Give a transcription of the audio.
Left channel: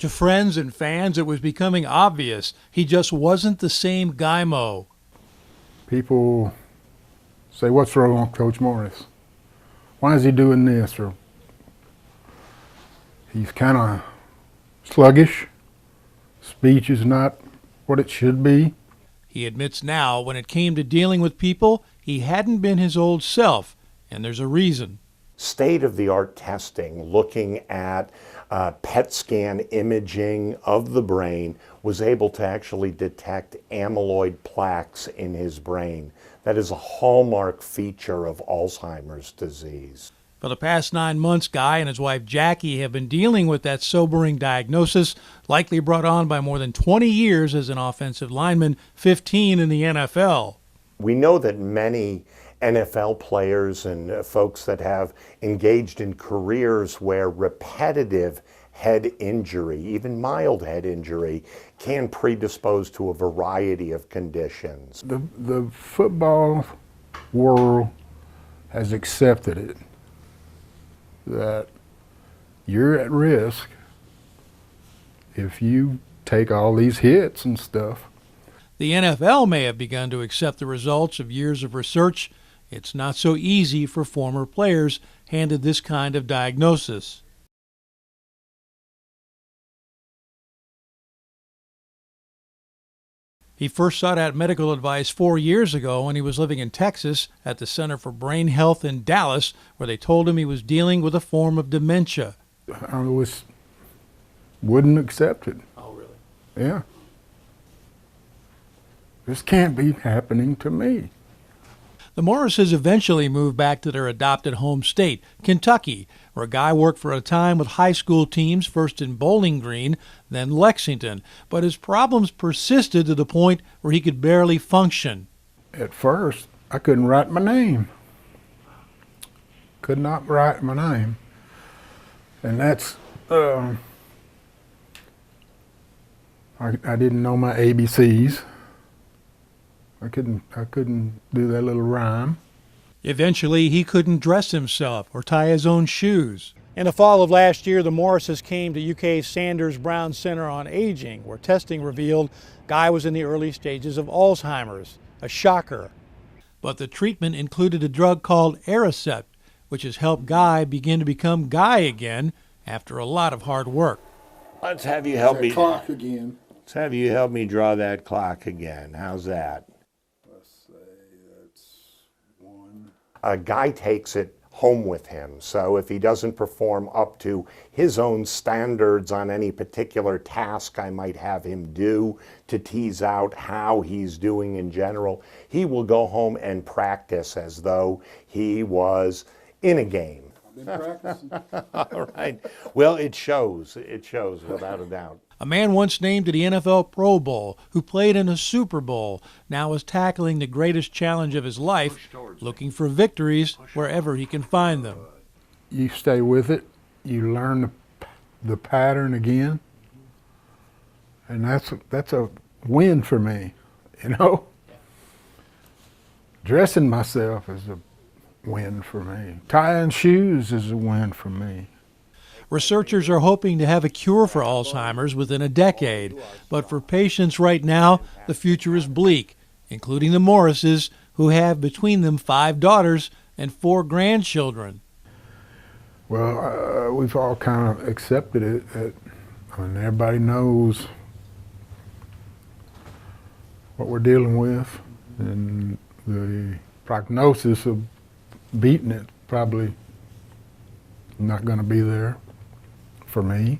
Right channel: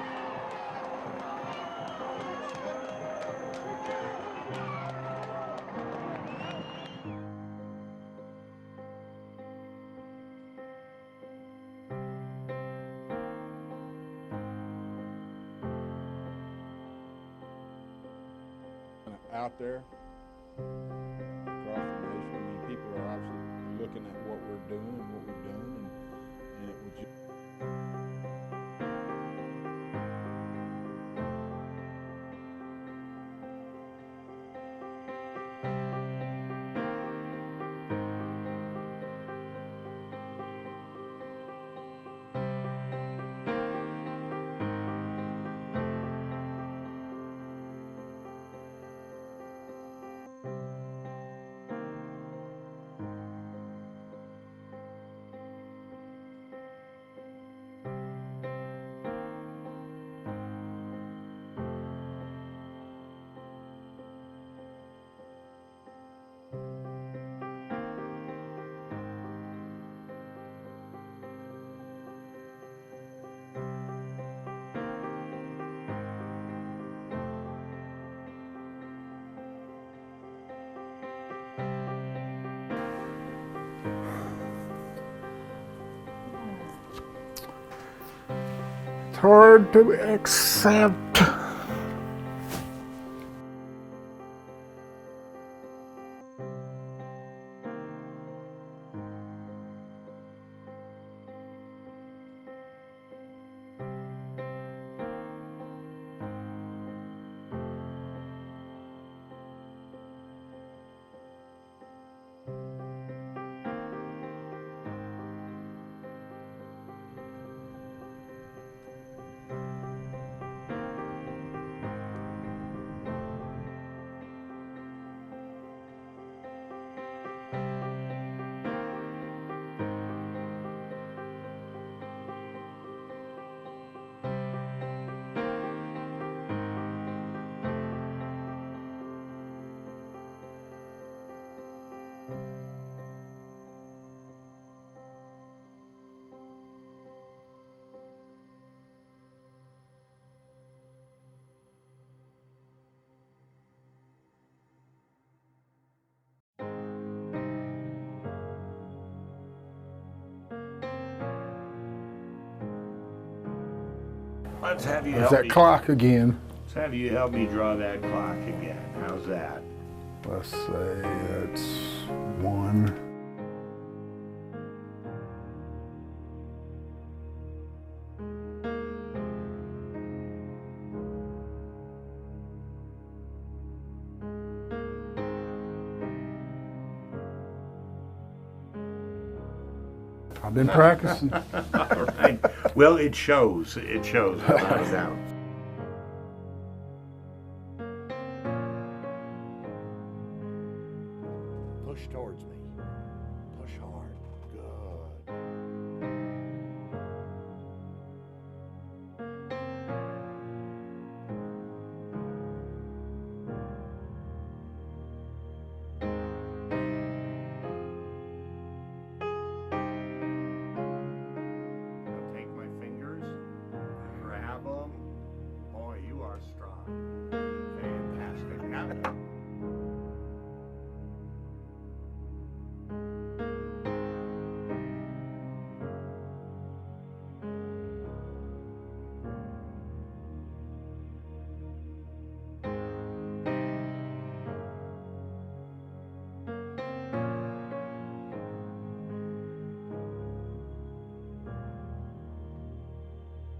To friends and fans, it was becoming obvious he just wasn't the same Guy Mo. People say, "What's wrong with Coach Morris? Why is he doing this?" Or he's kind of sluggish. Speech is not what it should be. He admits now when it came to dealing with people, he hadn't been his old self, and there's a reason. State-of-the-art testing, looking at PET scan imaging of the brain, was able to actually detect amyloid plaques in his brain. That is a hallmark feature of Alzheimer's disease. For the past 9 months, Guy and his wife Jackie have been dealing with that sobering diagnosis, likely brought on by more than 20 years as an offensive lineman, 15 in the NFL. We know that many NFL players and folks that have engaged in careers where repetitive head injury, even mild head injury, can predispose to a variety of conditions. The football world has accepted it, that you're at risk if you take all these hits and stuff. The NFL may have begun to accept the results of years of research. It's not so easy for former players handed this kind of diagnosis. It's hard to accept. He first sought out medical advice 4 years ago when he was living in Texas at the Center for Brain Health in Dallas, where they told him he was dealing with a form of dementia. I wouldn't accept it. Oh, really? Yeah. This can't be happening to me. The Morrises eventually moved back to their adopted home state, Kentucky, where Guy worked for a time with high school teams, first in Bowling Green, then Lexington. But his problems persisted to the point where he could barely function. At first, I couldn't write my name. Could not write my name. And that's, I didn't know my ABCs. I couldn't do that little rhyme. Eventually, he couldn't dress himself or tie his own shoes. In the fall of last year, the Morrises came to UK's Sanders Brown Center on Aging, where testing revealed Guy was in the early stages of Alzheimer's, a shocker. But the treatment included a drug called Aricept, which has helped Guy begin to become Guy again after a lot of hard work. Let's have you There's that clock again. Let's have you help me draw that clock again. How's that? Let's say it's 1. A Guy takes it home with him, so if he doesn't perform up to his own standards on any particular task I might have him do to tease out how he's doing in general, he will go home and practice as though he was in a game. I've been practicing. All right. Well, it shows. It shows. How's that? A man once named to the NFL Pro Bowl, who played in a Super Bowl, now is tackling the greatest challenge of his life, looking for victories wherever he can find them. You stay with it, you learn the pattern again, and that's a win for me, you know? Dressing myself is a win for me. Tying shoes is a win for me. Researchers are hoping to have a cure for Alzheimer's within a decade, but for patients right now, the future is bleak, including the Morrises, who have between them 5 daughters and 4 grandchildren. Well, we've all kind of accepted it. Everybody knows what we're dealing with, and the prognosis of beating it probably not going to be there for me.